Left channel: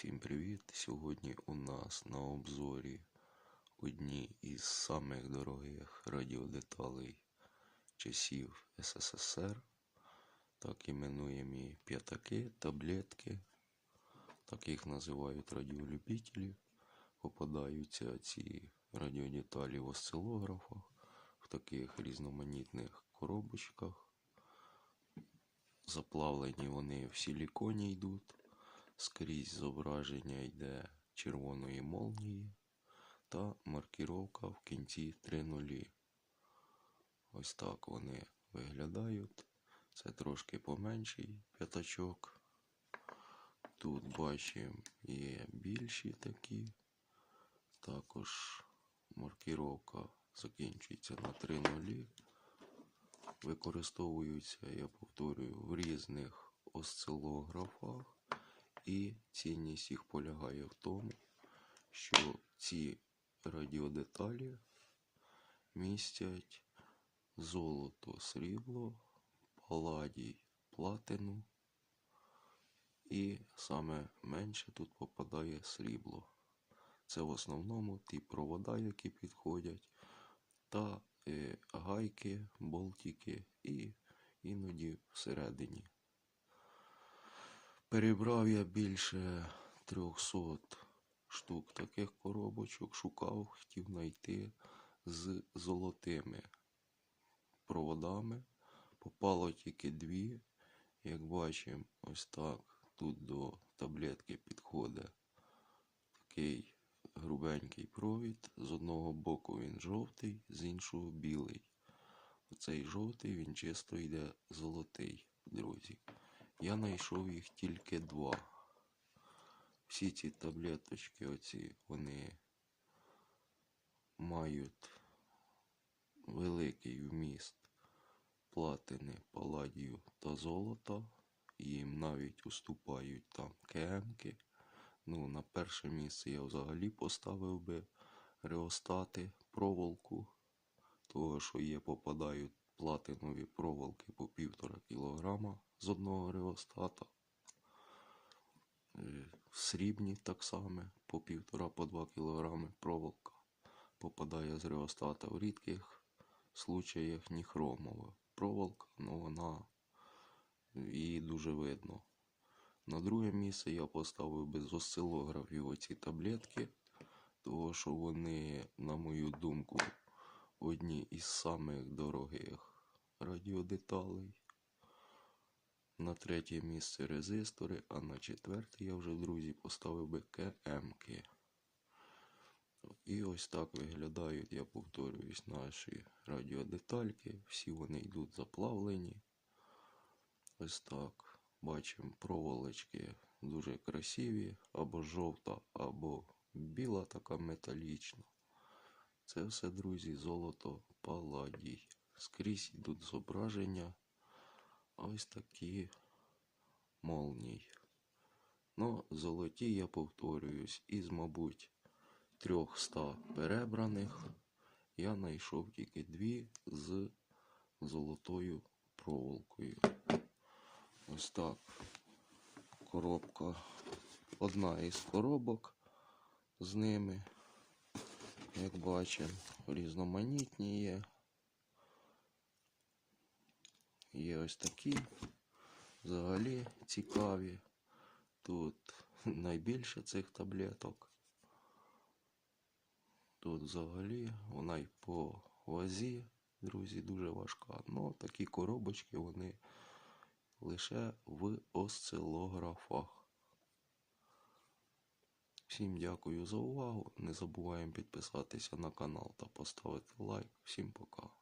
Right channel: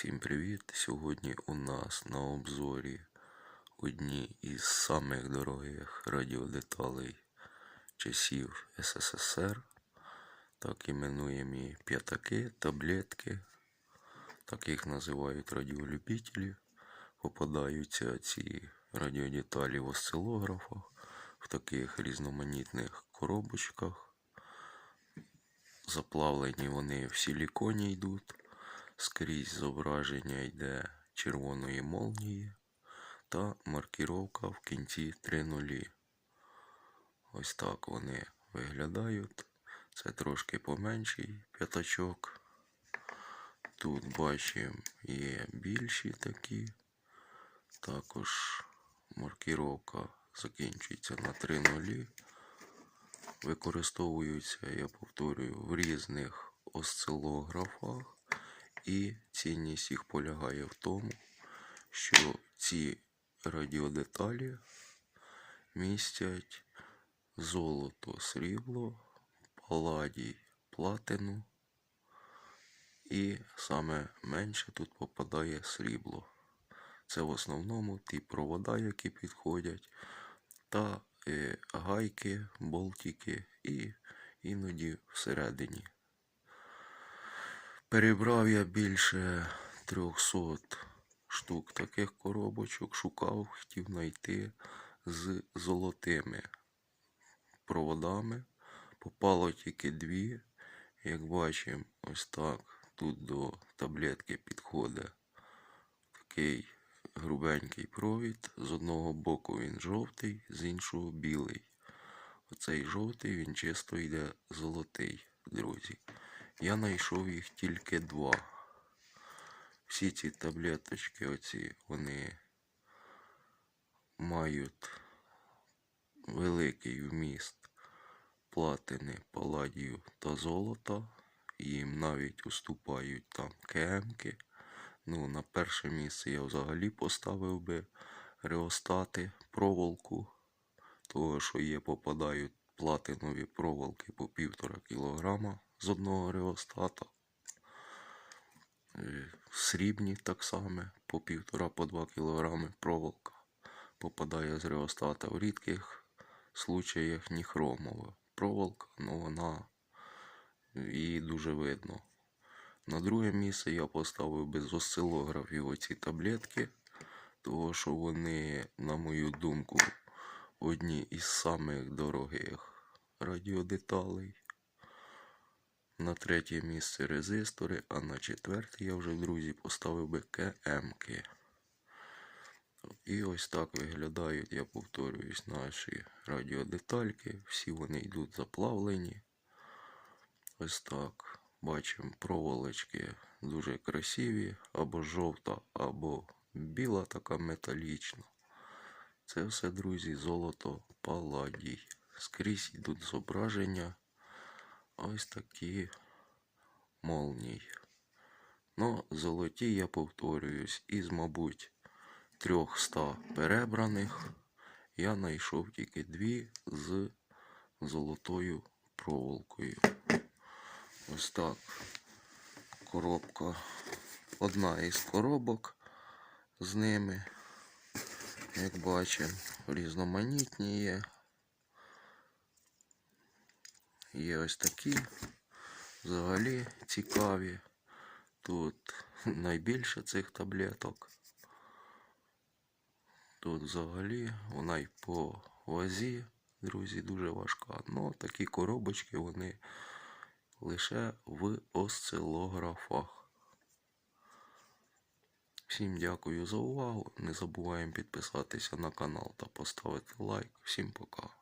Всім привіт! Сьогодні у нас на обзорі одні із самих дорогих радіодеталей часів СССР. Так іменуємі п'ятаки, таблетки. Так їх називають радіолюбителі. Попадаються ці радіодеталі в осцилографах, в таких різноманітних коробочках. Заплавлені вони в силіконі йдуть. Скрізь зображення йде червоної молнії та маркіровка в кінці 3 нулі. Ось так вони виглядають. Це трошки поменший п'ятачок. Тут бачимо є більші такі. Також маркіровка закінчується на 3 нулі. Використовуються, я повторюю, в різних осцилографах. І цінність їх полягає в тому, що ці радіодеталі містять золото, срібло, паладій, платину, і саме менше тут попадає срібло. Це в основному ті провода, які підходять, та е, гайки, болтики і іноді всередині. Перебрав я більше 300 штук таких коробочок, шукав, хотів знайти з золотими проводами. Попало тільки дві. Як бачимо, ось так. Тут до таблетки підходить такий грубенький провід. З одного боку він жовтий, з іншого білий. Оцей жовтий він чисто йде золотий, друзі. Я знайшов їх тільки два. Всі ці таблеточки, оці, вони мають великий вміст платини, паладію та золота. Їм навіть уступають там кемки. Ну, на перше місце я взагалі поставив би реостати, проволоку, того, що є, попадають платинові проволоки по півтора кілограма з одного реостата. Срібні так само по півтора по два кілограми проволока попадає з реостата. В рідких случаях ніхромова проволока, ну вона її дуже видно. На друге місце я поставив без осцилографів оці таблетки, тому що вони, на мою думку, одні із самих дорогих радіодеталей. На третє місце резистори, а на четверте я вже, друзі, поставив би КМки. І ось так виглядають, я повторююсь, наші радіодетальки. Всі вони йдуть заплавлені. Ось так. Бачимо проволочки дуже красиві, або жовта, або біла така металічна. Це все, друзі, золото паладій. Скрізь йдуть зображення. Ось такі молнії. Ну, золоті, я повторююсь, із, мабуть, 300 перебраних я знайшов тільки дві з золотою проволокою. Ось так. Коробка. Одна із коробок з ними. Як бачимо, різноманітні є. Є ось такі взагалі цікаві. Тут найбільше цих таблеток. Тут взагалі вона й по вазі, друзі, дуже важка. Ну, такі коробочки вони лише в осцилографах. Всім дякую за увагу. Не забуваємо підписатися на канал та поставити лайк. Всім пока.